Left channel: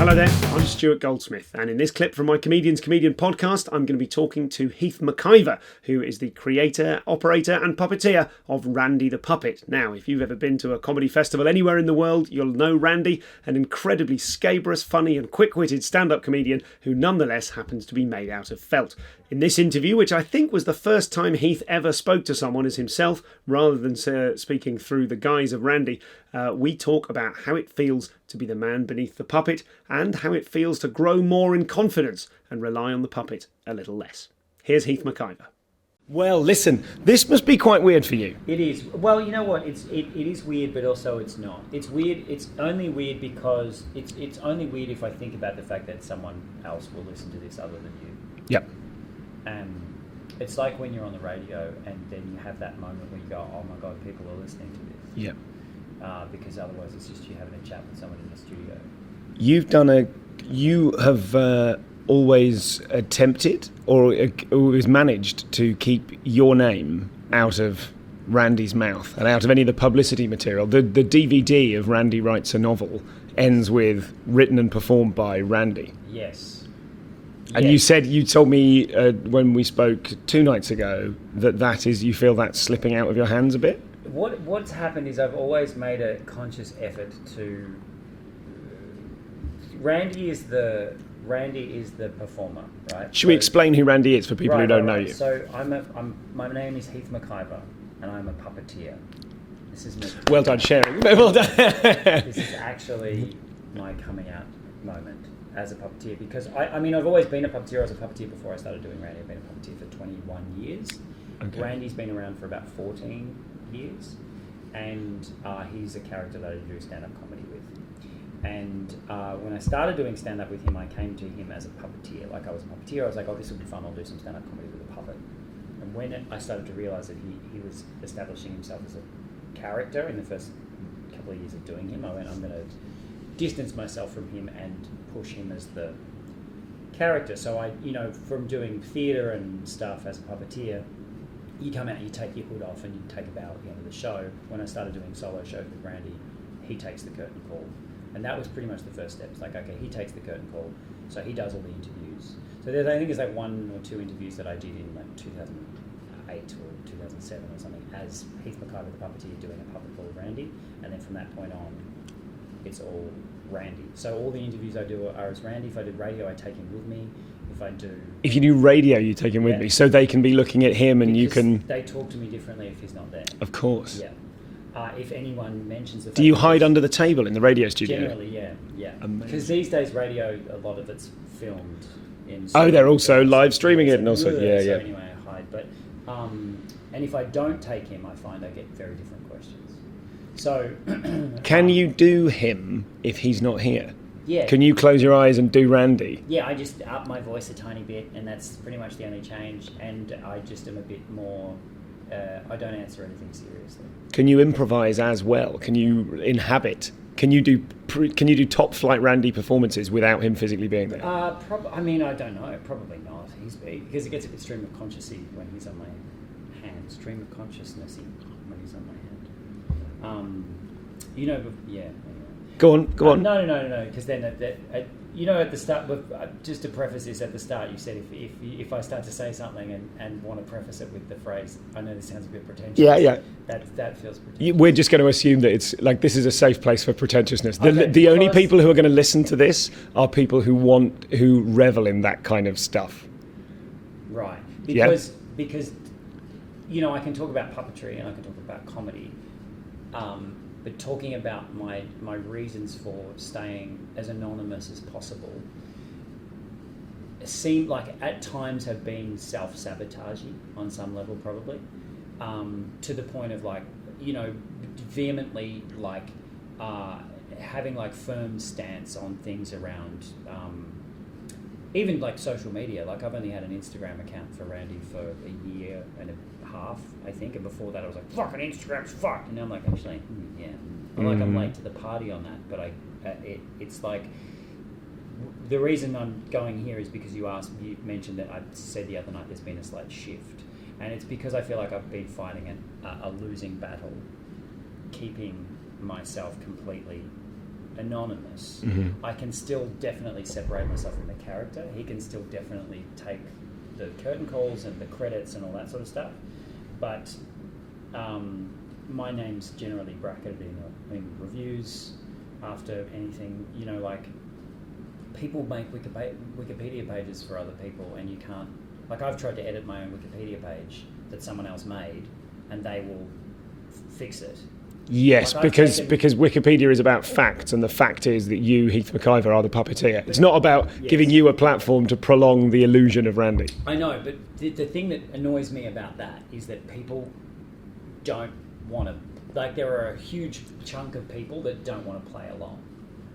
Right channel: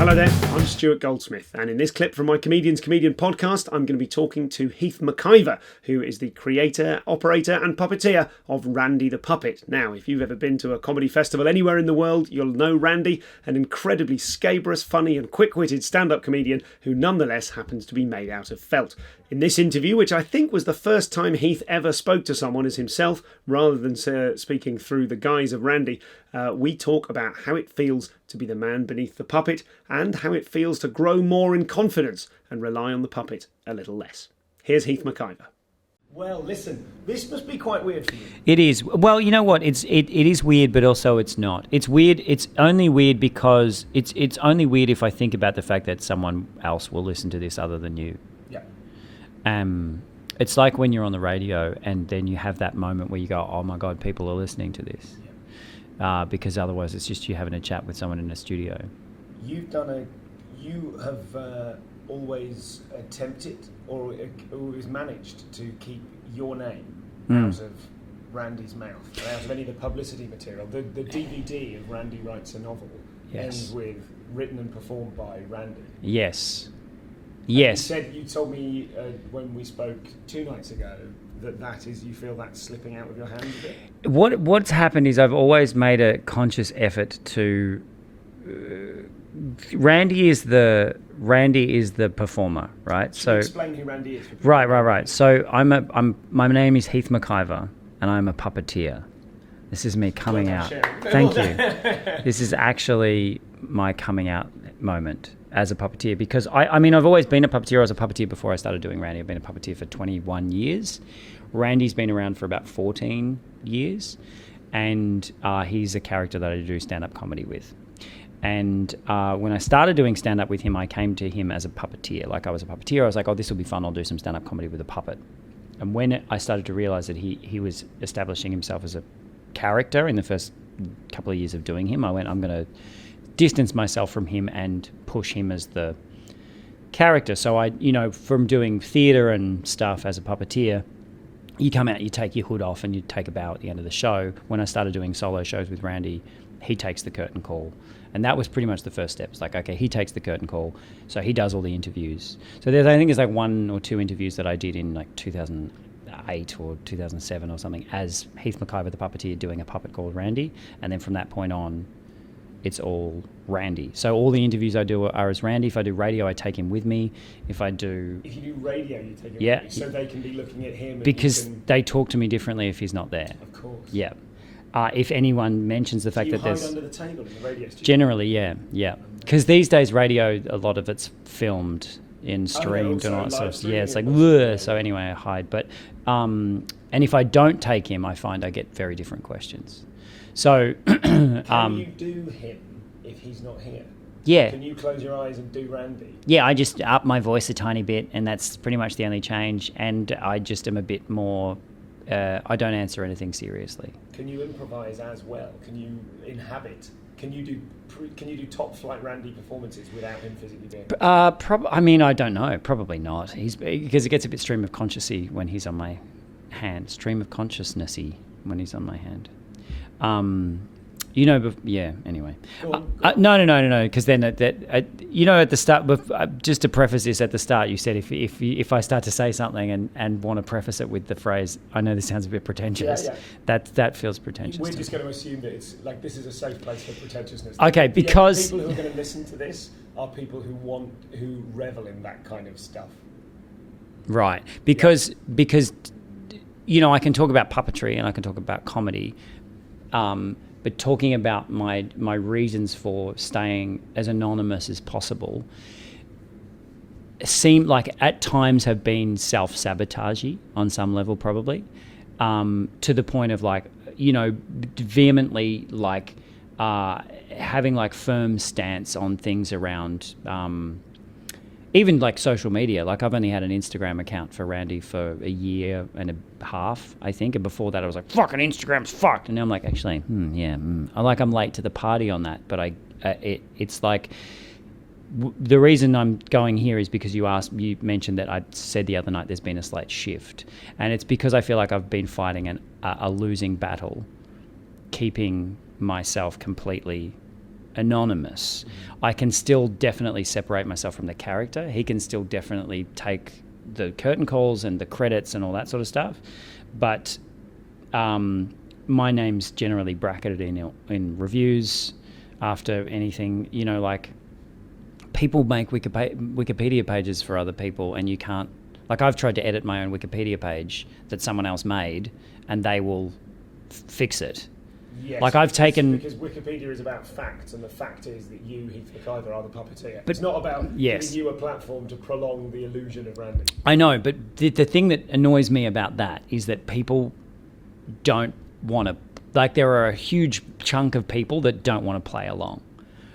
Hello there, I'm Stuart Goldsmith, and in this clip from my Comedian's Comedian podcast, I'm going to be talking to Heath McIvor, who is the creator, operator and puppeteer of Randy the Puppet. Now, if you've ever been to a comedy festival anywhere in the world, you'll know Randy, an incredibly scabrous, funny and quick-witted stand-up comedian who nonetheless happens to be made out of felt. In this interview, which I think was the first time Heath ever spoke to someone as himself, rather than speaking through the guise of Randy, we talk about how it feels to be the man beneath the puppet and how it feels to grow more in confidence and rely on the puppet a little less. Here's Heath McIvor. Well, listen, this must be quite weird for you. It is. Well, you know what? It is weird, but also it's not. It's weird. It's only weird because it's only weird if I think about the fact that someone else will listen to this other than you. Yep. It's like when you're on the radio and then you have that moment where you go, oh my God, people are listening to this. Yep. Because otherwise it's just you having a chat with someone in a studio. You have always attempted or always managed to keep your name out of Randy's mouth and out of any of the publicity material. The DVD of Randy Writes a Novel ends with written and performed by Randy. Yes. And you told me when we spoke 2 nights ago that is, you feel that's slipping out of your hands a bit? What's happened is I've always made a conscious effort to... Randy is the performer, right? Should we explain who Randy is for people who don't know you? So my name is Heath McIvor, and I'm a puppeteer. This is me coming out. Well done, sharing. Well done. This is actually my coming out moment as a puppeteer, because I've always been a puppeteer. I was a puppeteer before I started doing Randy. I've been a puppeteer for 21 years. Okay. Randy's been around for about 14 years, and he's a character that I do stand-up comedy with. And when I started doing stand-up with him, I came to him as a puppeteer. Like, I was a puppeteer. I was like, oh, this will be fun. I'll do some stand-up comedy with a puppet. And when I started to realise that he was establishing himself as a character in the first couple of years of doing him, I went, I'm going to distance myself from him and push him as the character. So from doing theatre and stuff as a puppeteer, you come out, you take your hood off and you take a bow at the end of the show. When I started doing solo shows with Randy, he takes the curtain call. And that was pretty much the first step. It's like, okay, he takes the curtain call, so he does all the interviews. So I think there's like 1 or 2 interviews that I did in like 2008 or 2007 or something as Heath McIvor the puppeteer doing a puppet called Randy. And then from that point on, it's all Randy. So all the interviews I do are as Randy. If I do radio, I take him with me. If you do radio, you take him with me, so they can be looking at him and because you can... they talk to me differently if he's not there. Of course. Yeah. If anyone mentions the fact do you hide under the table in the radio studio? Generally, yeah. Because these days, radio, a lot of it's filmed in... they're also live streaming it. So anyway, I hide. But and if I don't take him, I find I get very different questions. So... Can you do him if he's not here? Yeah. Can you close your eyes and do Randy? Yeah, I just up my voice a tiny bit, and that's pretty much the only change. And I just am a bit more... I don't answer anything seriously. Can you improvise as well? Can you inhabit? Can you do top flight Randy performances without him physically being there? I don't know. Probably not. Because it gets a bit stream of consciousness when he's on my hand. Stream of consciousnessy when he's on my hand. Anyway. Go on. No. Because then, at the start, just to preface this, at the start, you said if I start to say something and want to preface it with the phrase, I know this sounds a bit pretentious. Yeah. That feels pretentious. We're just going to assume that it's like this is a safe place for pretentiousness. The only people who are going to listen to this are people who revel in that kind of stuff. Right. Because I can talk about puppetry and I can talk about comedy. But talking about my reasons for staying as anonymous as possible seem like at times have been self-sabotagey on some level, probably, to the point of vehemently having like firm stance on things around even like social media. Like, I've only had an Instagram account for Randy for a year and a half, I think, and before that I was like, fucking Instagram's fucked, and now I'm like, actually, I'm late to the party on that, but it's like the reason I'm going here is because you mentioned that I said the other night there's been a slight shift, and it's because I feel like I've been fighting a losing battle, keeping myself completely anonymous, I can still definitely separate myself from the character. He can still definitely take the curtain calls and the credits and all that sort of stuff. But my name's generally bracketed in reviews after anything, you know, like people make Wikipedia pages for other people and you can't, like I've tried to edit my own Wikipedia page that someone else made and they will fix it. Yes, like because Wikipedia is about facts, and the fact is that you, Heath McIvor, are the puppeteer. It's not about giving you a platform to prolong the illusion of Randy. I know, but the thing that annoys me about that is that people don't want to... Like, there are a huge chunk of people that don't want to play along.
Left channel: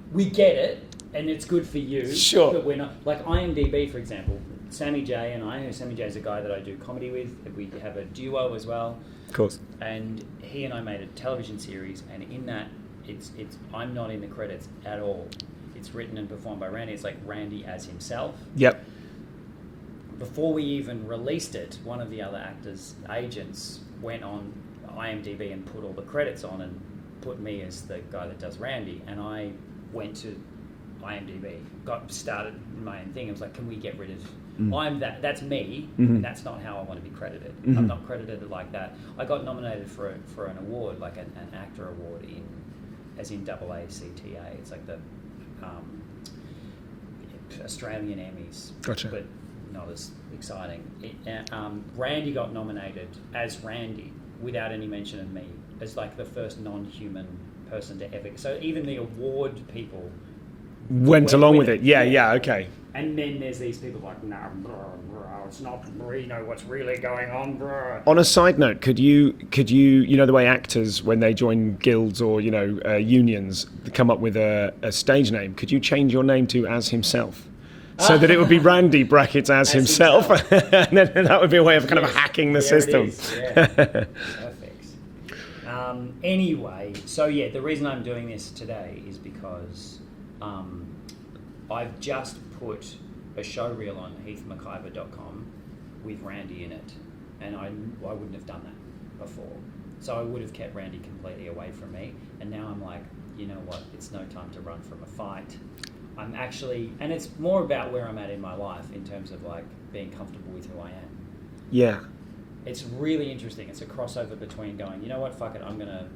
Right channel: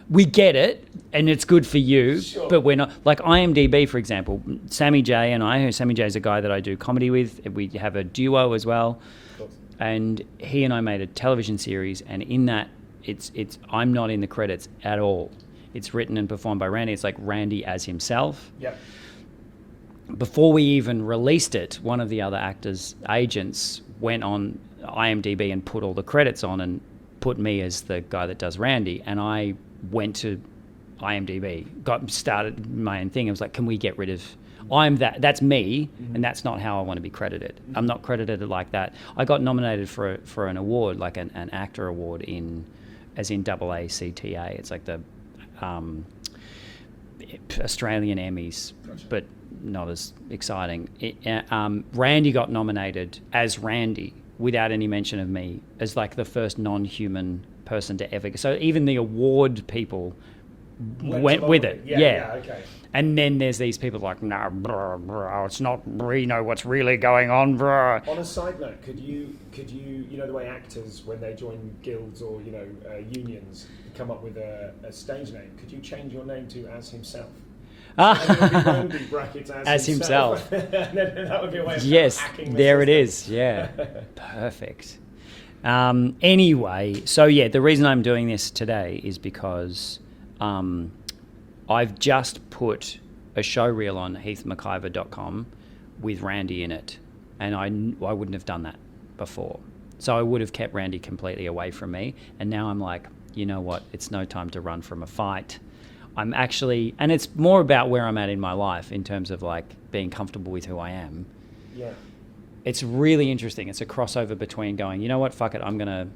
We get it, and it's good for you, sure, but we're not... Like, IMDb, for example, Sammy J and I, Sammy J is a guy that I do comedy with. We have a duo as well. Of course. And he and I made a television series, and in that, it's I'm not in the credits at all. It's written and performed by Randy. It's like Randy as himself. Yep. Before we even released it, one of the other actors' agents went on IMDb and put all the credits on and put me as the guy that does Randy. And I went to IMDb, started my own thing. I was like, can we get rid of... That's me, and that's not how I want to be credited. I'm not credited like that. I got nominated for an award, like an actor award in AACTA. It's like the Australian Emmys, gotcha, but not as exciting. Randy got nominated as Randy without any mention of me, as like the first non-human person to ever. So even the award people went along with it. Yeah, okay. And then there's these people like, no, bro, it's not, we know what's really going on, bro. On a side note, could you know the way actors, when they join guilds or, you know, unions, come up with a stage name, could you change your name to as himself? So that it would be Randy brackets as himself. And then that would be a way of kind of hacking the system. There it is, yeah. Perfect. Anyway, so yeah, the reason I'm doing this today is because... I've just put a show reel on heathmcivor.com with Randy in it, and I wouldn't have done that before. So I would have kept Randy completely away from me, and now I'm like, you know what, it's no time to run from a fight. I'm actually, and it's more about where I'm at in my life in terms of like being comfortable with who I am. Yeah. It's really interesting. It's a crossover between going, you know what, fuck it, I'm gonna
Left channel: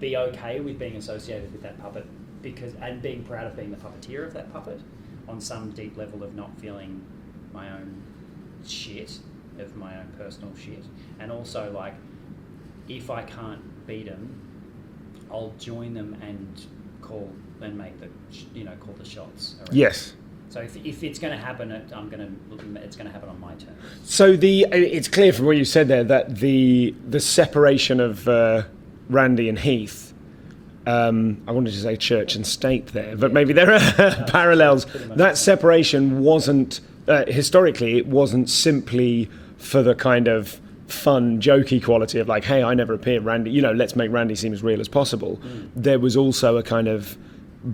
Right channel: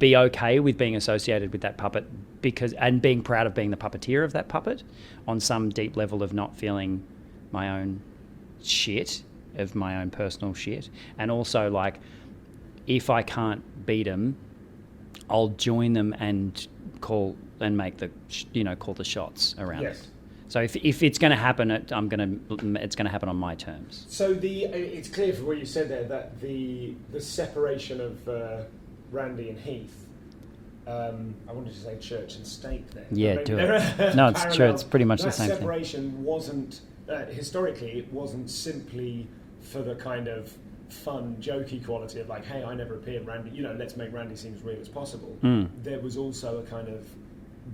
be okay with being associated with that puppet and being proud of being the puppeteer of that puppet on some deep level of not feeling my own shit, of my own personal shit. And also, like, if I can't beat them, I'll join them and call the shots around. Yes. So if it's going to happen, it's going to happen on my terms. So it's clear from what you said there that the separation of Randy and Heath, I wanted to say church and state there, but maybe there are parallels. Pretty much that separation wasn't, historically, it wasn't simply for the kind of fun, jokey quality of like, hey, I never appear, Randy, you know, let's make Randy seem as real as possible. There was also a kind of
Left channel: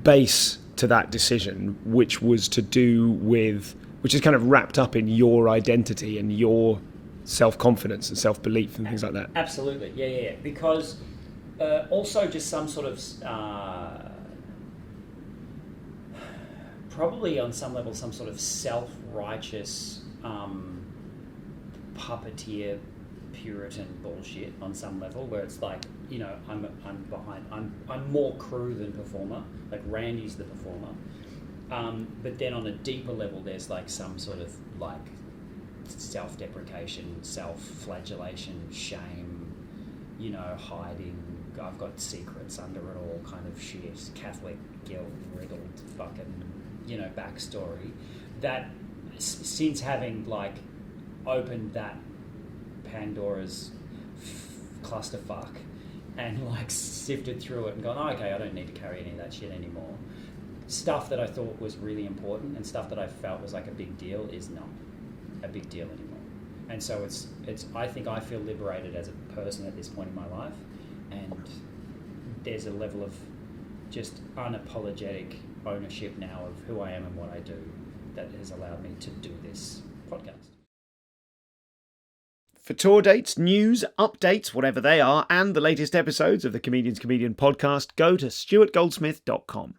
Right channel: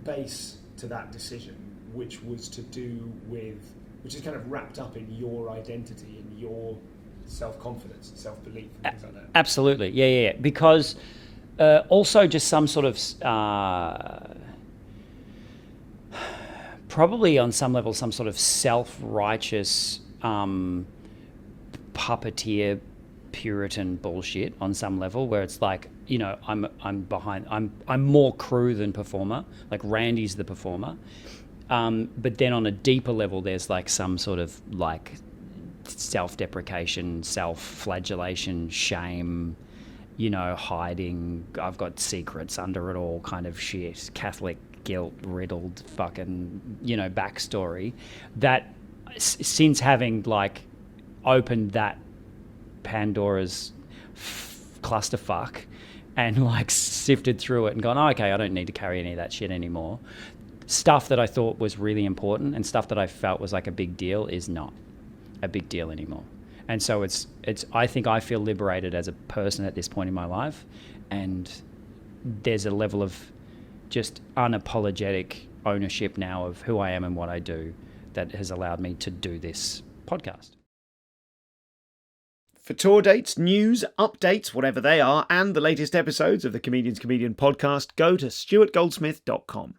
base to that decision, which was to do with, which is kind of wrapped up in your identity and your self-confidence and self-belief and things like that. Absolutely, yeah. Because also just some sort of, probably on some level, some sort of self-righteous puppeteer Puritan bullshit on some level, where it's like, you know, I'm more crew than performer. Like Randy's the performer, but then on a deeper level, there's like some sort of like self-deprecation, self-flagellation, shame, you know, hiding. I've got secrets under it all, kind of shit. Catholic guilt riddled fucking, you know, backstory. That since having like opened that Pandora's clusterfuck and like sifted through it and gone, oh, okay, I don't need to carry any of that shit anymore. Stuff that I thought was really important and stuff that I felt was like a big deal is not a big deal anymore. And so it's I think I feel liberated as a person at this point in my life, and there's a level of just unapologetic ownership now of who I am and what I do that has allowed me to do this podcast. For tour dates, news, updates, whatever they are, and the latest episodes of the Comedian's Comedian podcast, go to stuartgoldsmith.com.